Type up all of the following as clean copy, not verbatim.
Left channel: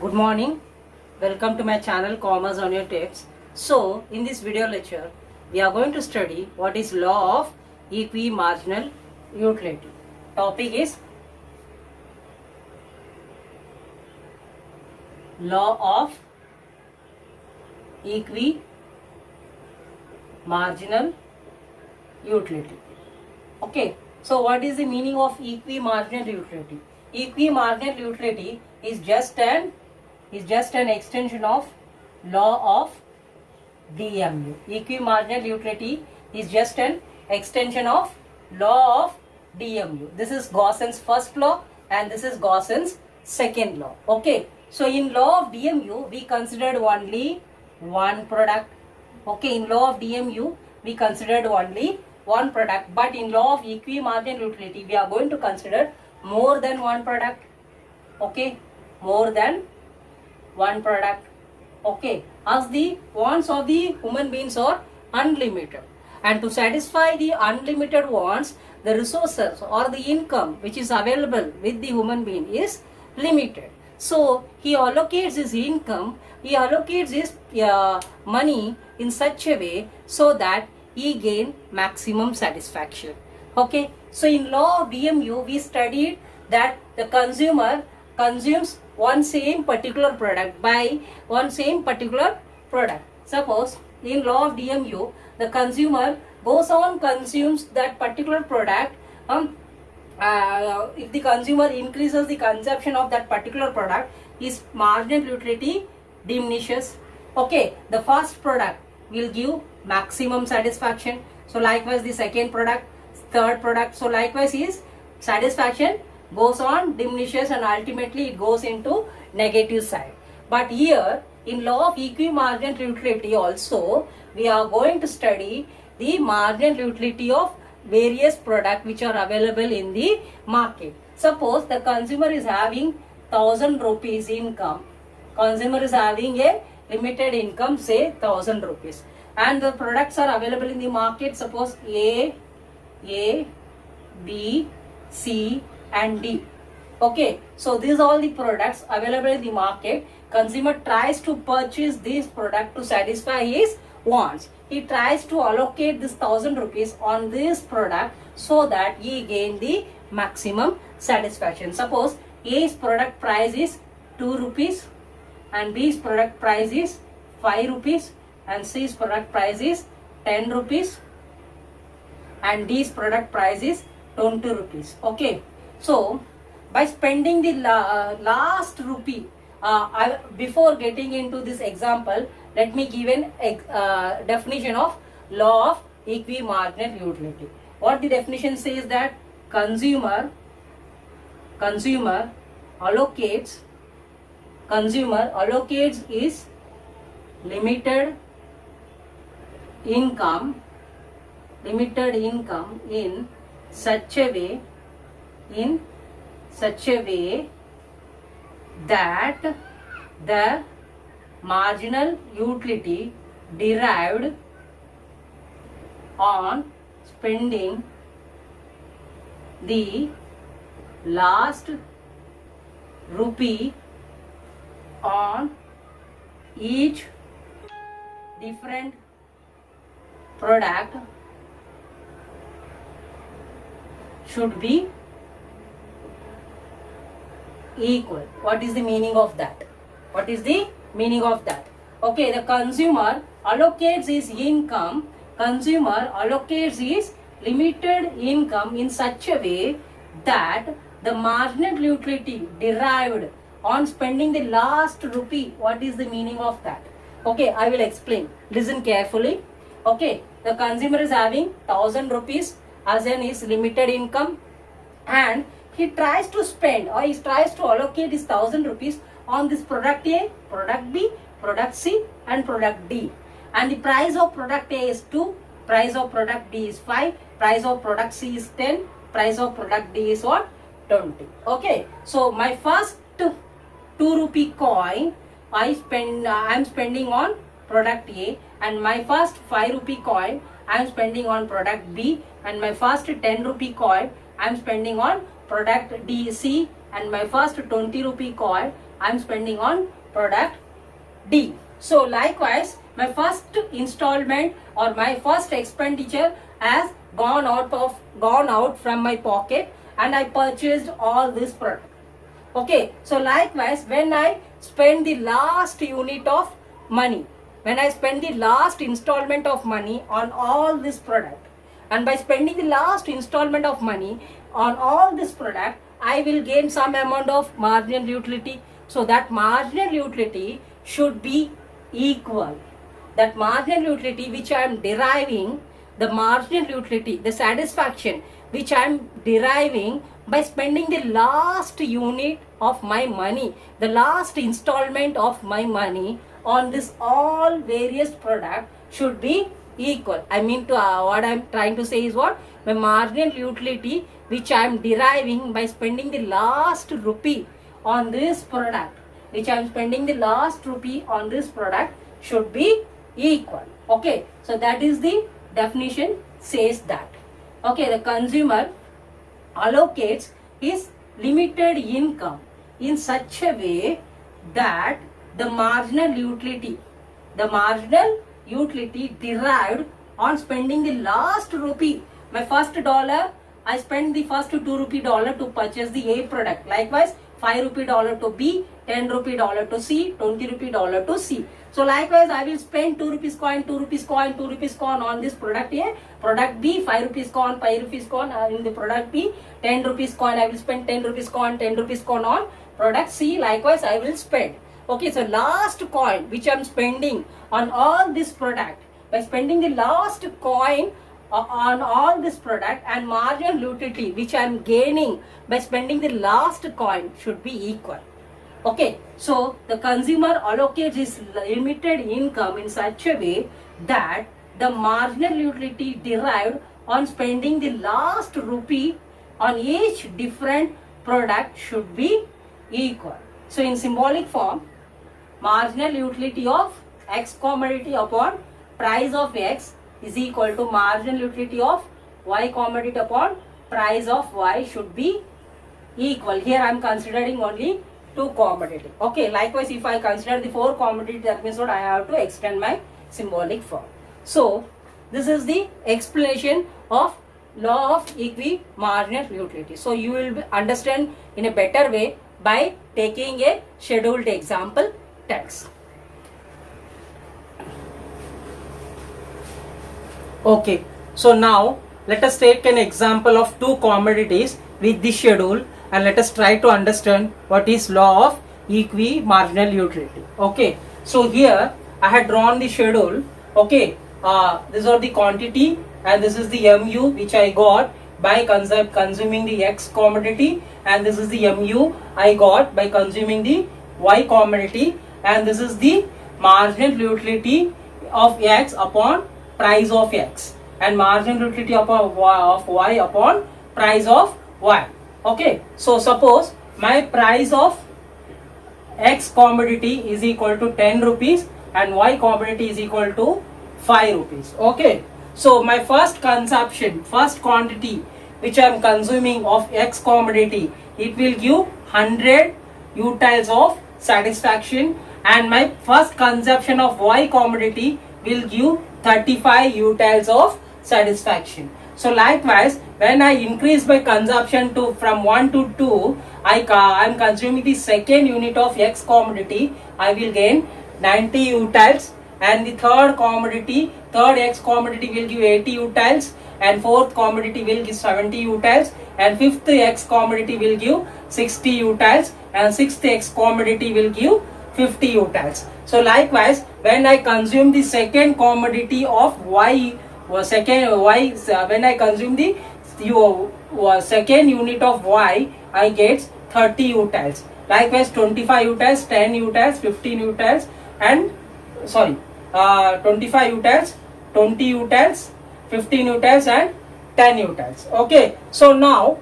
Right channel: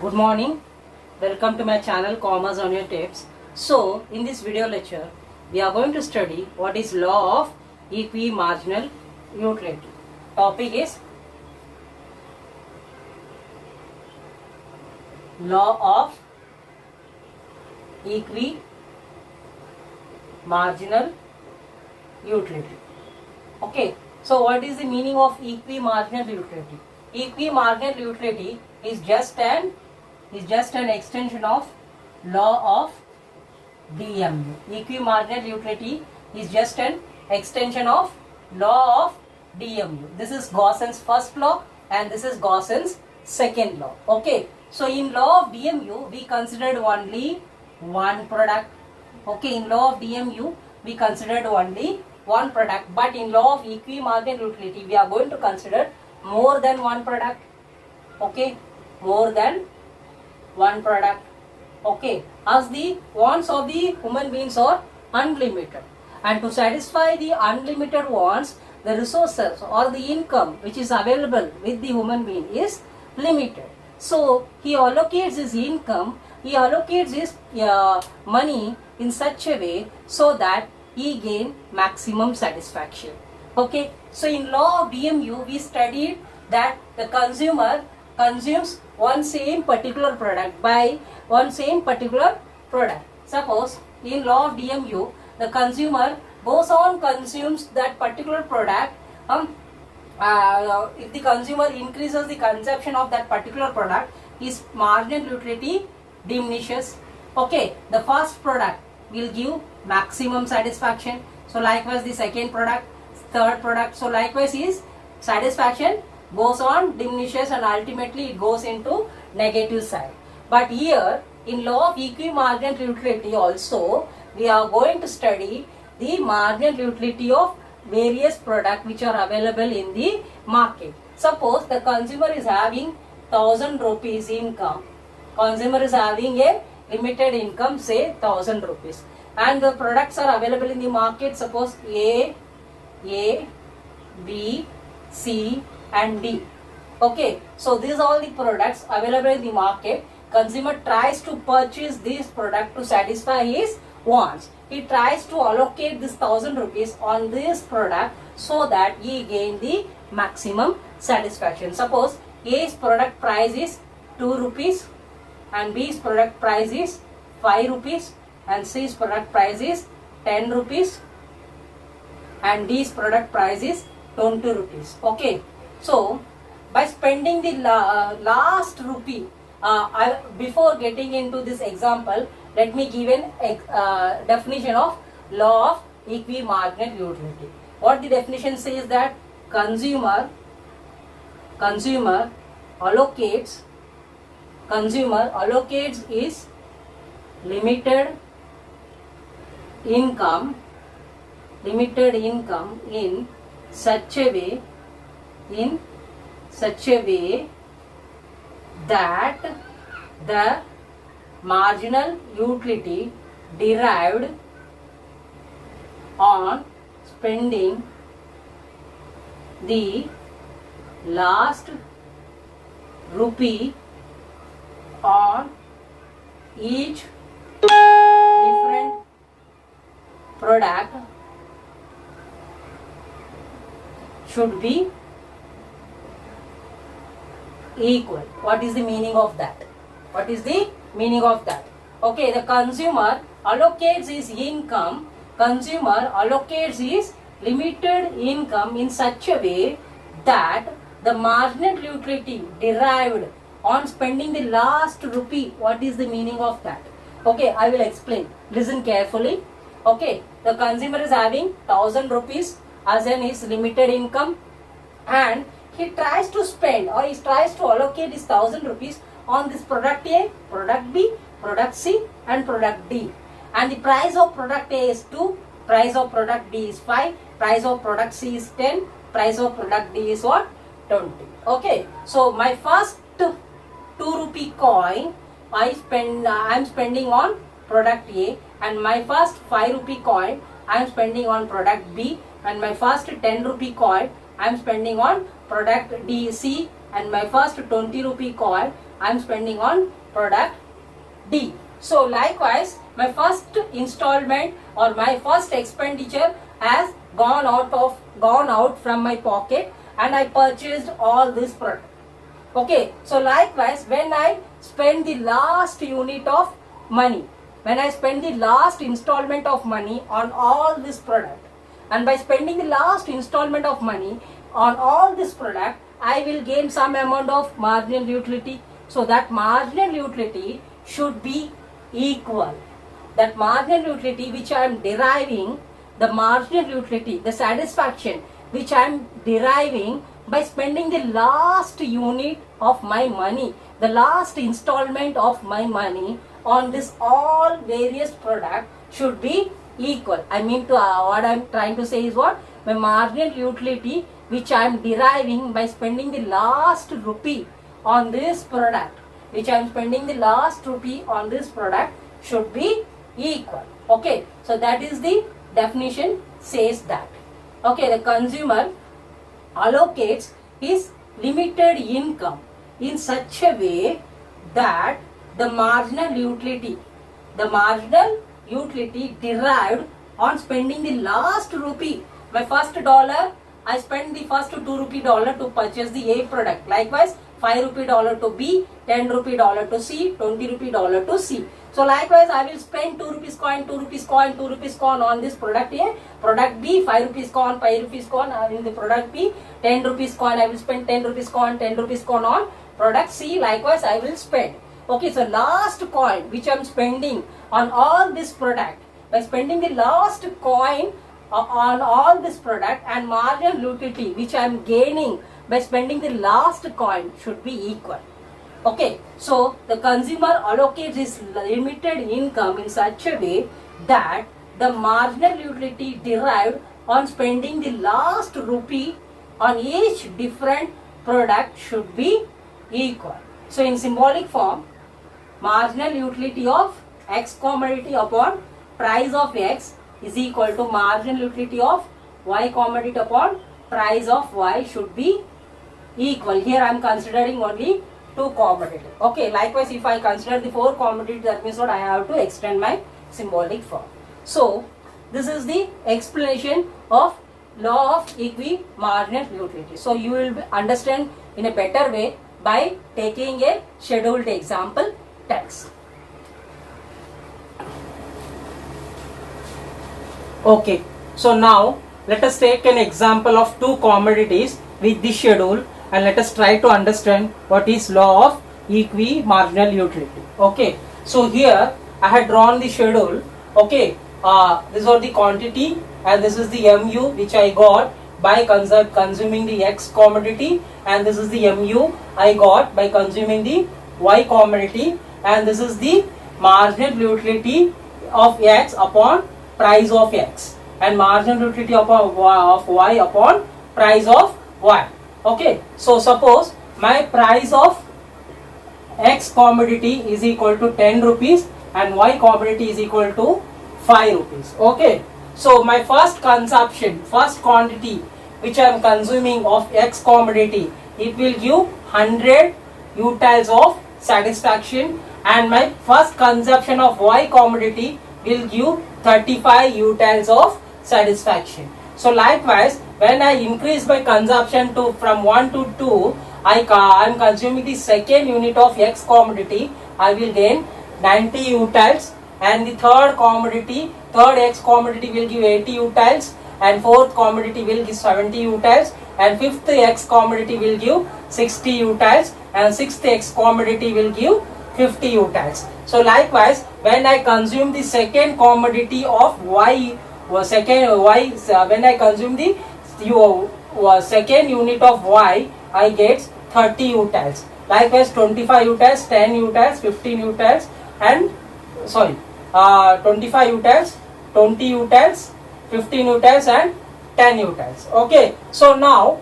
Good morning. Welcome to my channel Commerce on your Tips. So, in this video lecture, we are going to study what is law of equimarginal utility. Topic is law of equimarginal utility. Okay. So, what is the meaning of equimarginal utility? Equimarginal utility is just an extension of law of DMU. Equimarginal utility is just an extension of law of DMU. This is Gauss's first law and this is Gauss's second law. Okay. So in law of DMU we considered only one product. Okay. In law of DMU we considered only one product, but in law of equimarginal utility we are going to consider more than one product. Okay. More than one product. Okay, as the wants of the human beings are unlimited, and to satisfy the unlimited wants, the resources or the income which is available with the human being is limited. So he allocates his income, he allocates his money in such a way so that he gain maximum satisfaction. Okay, so in law of DMU we studied that the consumer consumes one same particular product by one same particular product. Suppose in law of DMU the consumer goes on consumes that particular product. If the consumer increases the consumption of that particular product, his marginal utility diminishes. Okay, the first product will give maximum satisfaction. So likewise the second product, third product. So likewise his satisfaction goes on, diminishes, and ultimately it goes into negative side. But here in law of equimarginal utility also we are going to study the marginal utility of various products which are available in the market. Suppose the consumer is having 1000 rupees income. Consumer is having a limited income, say 1000 rupees, and the products are available in the market. Suppose A, B, C and D. Okay, so these are all the products available in the market. Consumer tries to purchase this product to satisfy his wants. He tries to allocate this 1000 rupees on this product so that he gain the maximum satisfaction. Suppose A's product price is 2 rupees and B's product price is 5 rupees and C's product price is 10 rupees and D's product price is 20 rupees. Okay. So, by spending the last rupee, before getting into this example, let me give an definition of law of equimarginal utility. What the definition says that consumer allocates his limited income in such a way that the marginal utility derived on spending the last rupee on each different product should be equal. What is the meaning of that? What is the meaning of that? Okay, the consumer allocates his income, consumer allocates his limited income in such a way that the marginal utility derived on spending the last rupee. What is the meaning of that? Okay, I will explain. Listen carefully. Okay, the consumer is having 1000 rupees as in his limited income, and he tries to spend or he tries to allocate his 1000 rupees on this product A, product B, product C and product D. And the price of product A is 2, price of product D is 5, price of product C is 10, price of product D is what? 20. Okay. So my first 2 rupee coin I am spending on product A, and my first 5 rupee coin I am spending on product B, and my first 10 rupee coin I am spending on product DC, and my first 20 rupee coin I am spending on product D. So likewise, my first installment or my first expenditure has gone out from my pocket, and I purchased all this product. Okay, so likewise, when I spend the last unit of money, when I spend the last installment of money on all this product, and by spending the last installment of money on all this product, I will gain some amount of marginal utility. So that marginal utility should be equal. That marginal utility which I am deriving, the marginal utility, the satisfaction which I am deriving by spending the last unit of my money, the last installment of my money on this all various product should be equal. I mean to what I am trying to say is what? My marginal utility which I am deriving by spending the last rupee on this product, which I am spending the last rupee on this product should be equal. Okay, so that is the definition says that. Okay, the consumer allocates his limited income in such a way that the marginal utility derived on spending the last rupee, my first dollar, I spend the first 2 rupee dollar to purchase the A product. Likewise, 5 rupee dollar to B, 10 rupee dollar to C, 20 rupee dollar to C. So likewise, I will spend 2 rupees coin, 2 rupees coin, 2 rupees coin on this product A. Product B, 5 rupees coin, 5 rupees coin. And in the product B, 10 rupees coin, I will spend 10 rupees coin, 10 rupees coin on product C. Likewise, I will spend. Okay, so last coin which I am spending on all this product, by spending the last coin on all this product, and marginal utility which I am gaining by spending the last coin should be equal. Okay, so the consumer allocates his limited income in such a way that the marginal utility derived on spending the last rupee on each different product should be equal. So in symbolic form, marginal utility of X commodity upon price of X is equal to marginal utility of Y commodity upon price of Y should be equal. Here I am considering only 2 commodity. Okay, likewise if I consider the 4 commodity, that means what I have to extend my symbolic form. So this is the explanation of law of equimarginal utility. So you will understand in a better way by taking a scheduled example text. Okay, so now let us take an example of 2 commodities with this schedule, and let us try to understand what is law of equimarginal utility. Okay, so here I had drawn the schedule. Okay, these are the quantity and this is the MU which I got by consuming the X commodity, and this is the MU I got by consuming the Y commodity, and this is the marginal utility of X upon price of X, and marginal utility of Y upon price of Y. Okay, so suppose my price of X commodity is equal to 10 rupees and Y commodity is equal to 5 rupees. Okay, so my first consumption, first quantity which I am consuming of X commodity, it will give 100 utiles of satisfaction, and my first consumption of Y commodity will give 35 utiles of satisfaction. So likewise, when I increase my consumption to from 1 to 2, I am consuming the second unit of X commodity, I will gain 90 utiles, and the third commodity, third X commodity will give 80 utiles, and fourth commodity will give 70 utiles, and fifth X commodity will give 60 utiles, and sixth X commodity will give 50 utiles. So likewise, when I consume the second commodity of Y, when I consume the second unit of Y, I get 30 utiles. Likewise, 25 utiles, 10 utiles, 15 utiles, and 25 utiles, 20 utiles, 15 utiles, and 10 utiles. Okay, so now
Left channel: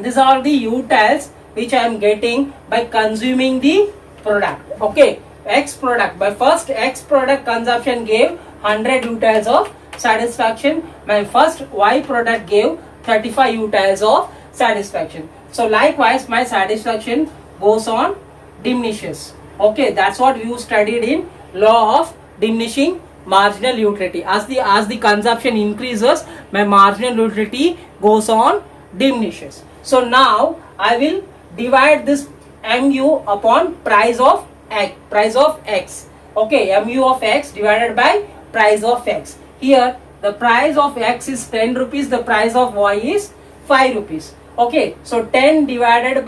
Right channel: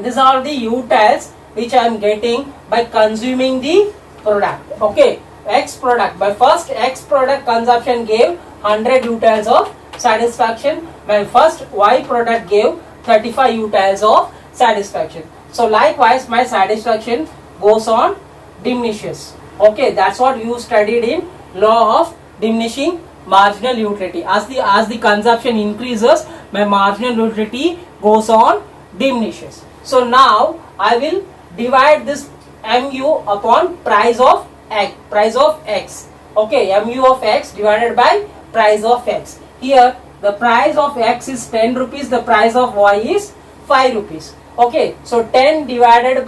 these are the utiles which I am getting by consuming the product. Okay, X product, my first X product consumption gave 100 utiles of satisfaction. My first Y product gave 35 utiles of satisfaction. So likewise, my satisfaction goes on diminishes. Okay, that's what you studied in law of diminishing marginal utility. As the consumption increases, my marginal utility goes on diminishes. So now I will divide this mu upon price of x. Okay, mu of x divided by price of x. Here the price of x is 10 rupees, the price of y is 5 rupees. Okay, so 100 divided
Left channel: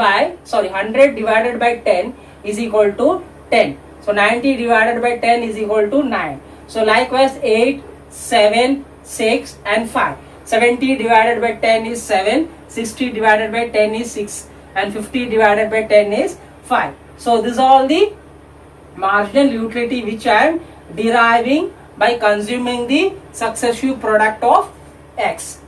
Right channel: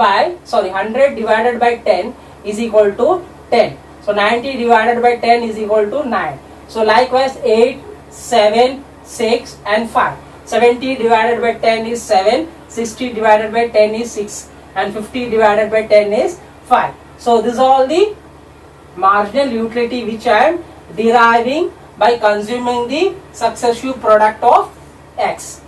by 10 is equal to 10. So 90 divided by 10 is equal to 9. So likewise 8, 7, 6 and 5. 70 divided by 10 is 7, 60 divided by 10 is 6 and 50 divided by 10 is 5. So these are all the marginal utility which I am deriving by consuming the successive product of x.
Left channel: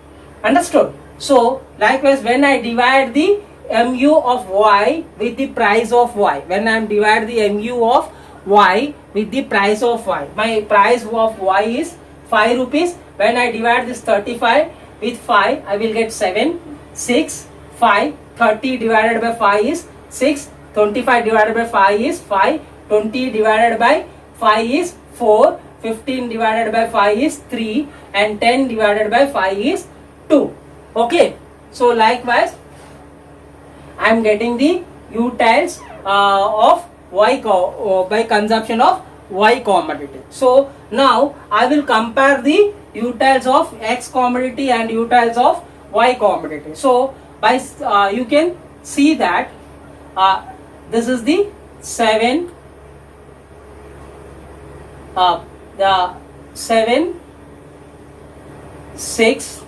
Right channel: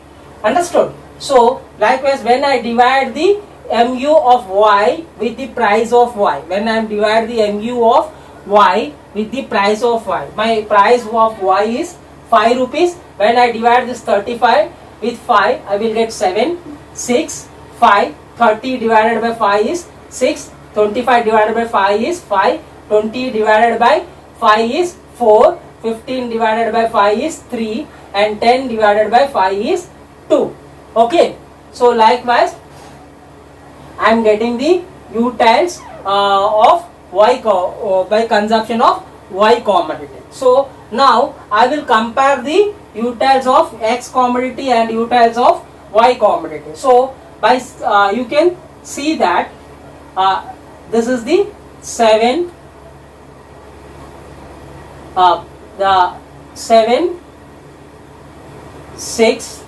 Understood? So likewise when I divide the mu of y with the price of y, when I divide the mu of y with the price of y, my price of y is 5 rupees. When I divide this 35 with 5, I will get 7, 6, 5, 30 divided by 5 is 6, 25 divided by 5 is 5, 20 divided by 5 is 4, 15 divided by 5 is 3 and 10 divided by 5 is 2. Okay, so likewise I am getting the utils of y by consumption of y commodity. So now I will compare the utils of x commodity and utils of y commodity. So by you can see that this is the 7 6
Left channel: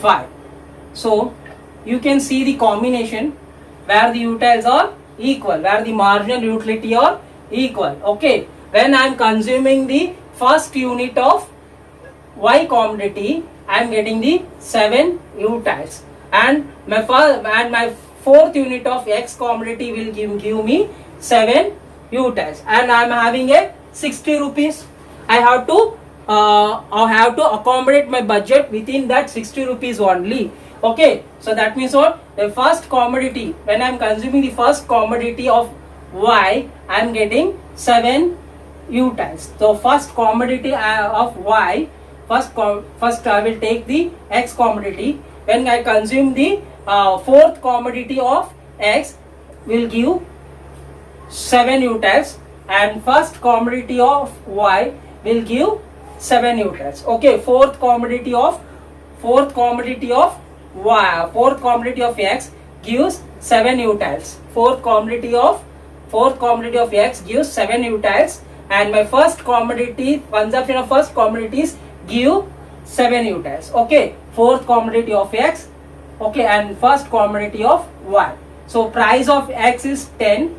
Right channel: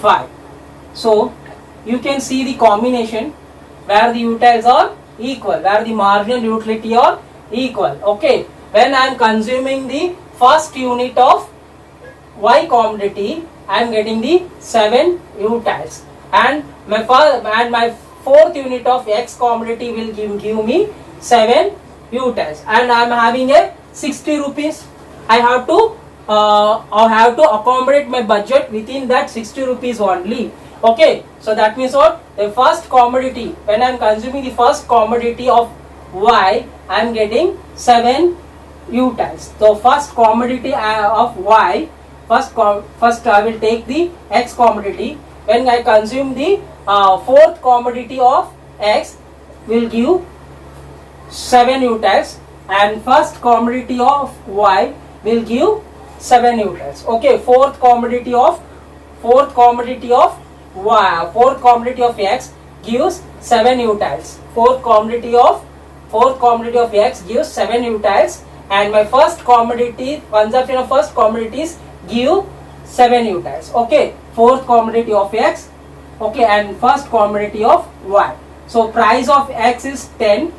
5. So you can see the combination where the utils are equal, where the marginal utility are equal. Okay, when I am consuming the first unit of y commodity, I am getting the 7 utils, and my fourth unit of x commodity will give me 7 utils, and I am having a 60 rupees. I have to accommodate my budget within that 60 rupees only. Okay, so that means what? The first commodity, when I am consuming the first commodity of y, I am getting 7 utils. So first commodity of y, first I will take the x commodity. When I consume the fourth commodity of x, will give 7 utils, and first commodity of y will give 7 utils. Okay, fourth commodity of x gives 7 utils. Fourth commodity of x gives 7 utils, and my first commodity, consumption of first commodities give 7 utils. Okay, fourth commodity of x, okay, and first commodity of y. So price of x is 10,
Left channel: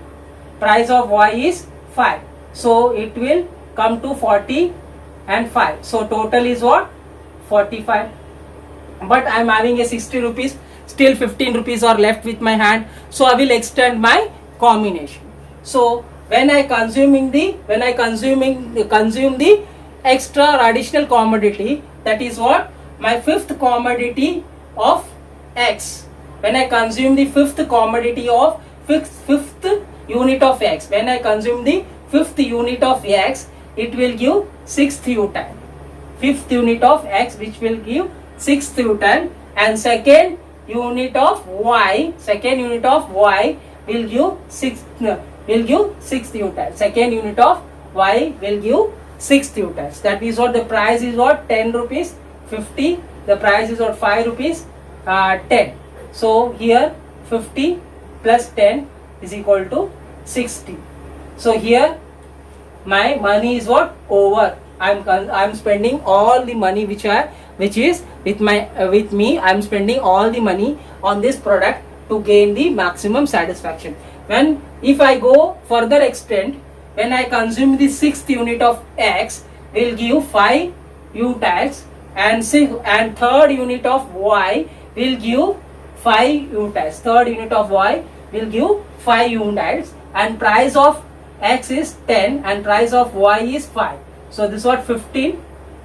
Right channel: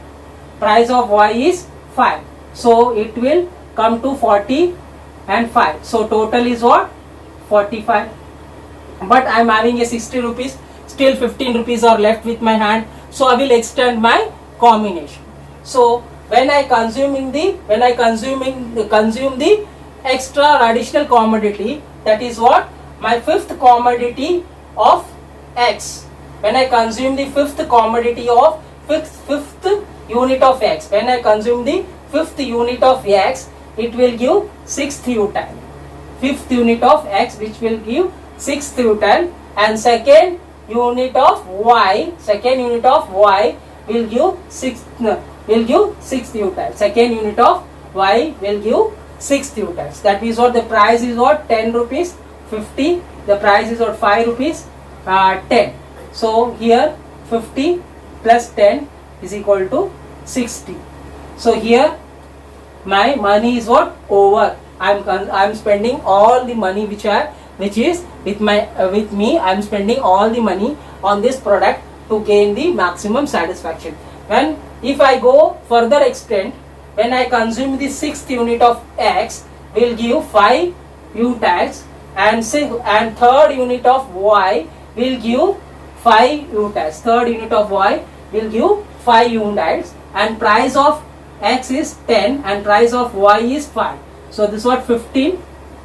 price of y is 5. So it will come to 40 and 5. So total is what? 45. But I am having a 60 rupees, still 15 rupees are left with my hand, so I will extend my combination. So when I consume the extra or additional commodity, that is what? My fifth commodity of x. When I consume the fifth commodity of fifth unit of x, when I consume the fifth unit of x, it will give 6th util. Fifth unit of x, which will give 6th util, and second unit of y will give 6th util. Second unit of y will give 6th utils. That means what? The price is what? 10 rupees 50. The price is what? 5 rupees 10. So here 50 plus 10 is equal to 60. So here my money is what? Over. I'm spending all the money which is with me. I'm spending all the money on this product to gain the maximum satisfaction. If I go further extent, when I consume the 6th unit of x, will give 5 utils, and third unit of y will give 5 utils. Third unit of y will give 5 utils, and price of x is 10 and price of y is 5. So this is what? 15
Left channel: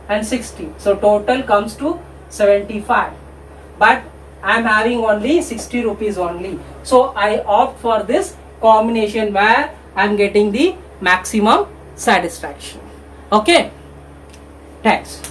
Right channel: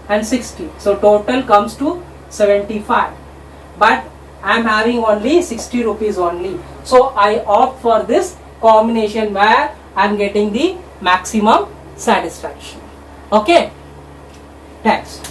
and 60. So total comes to 75. But I am having only 60 rupees only. So I opt for this combination where I am getting the maximum satisfaction. Okay, thanks.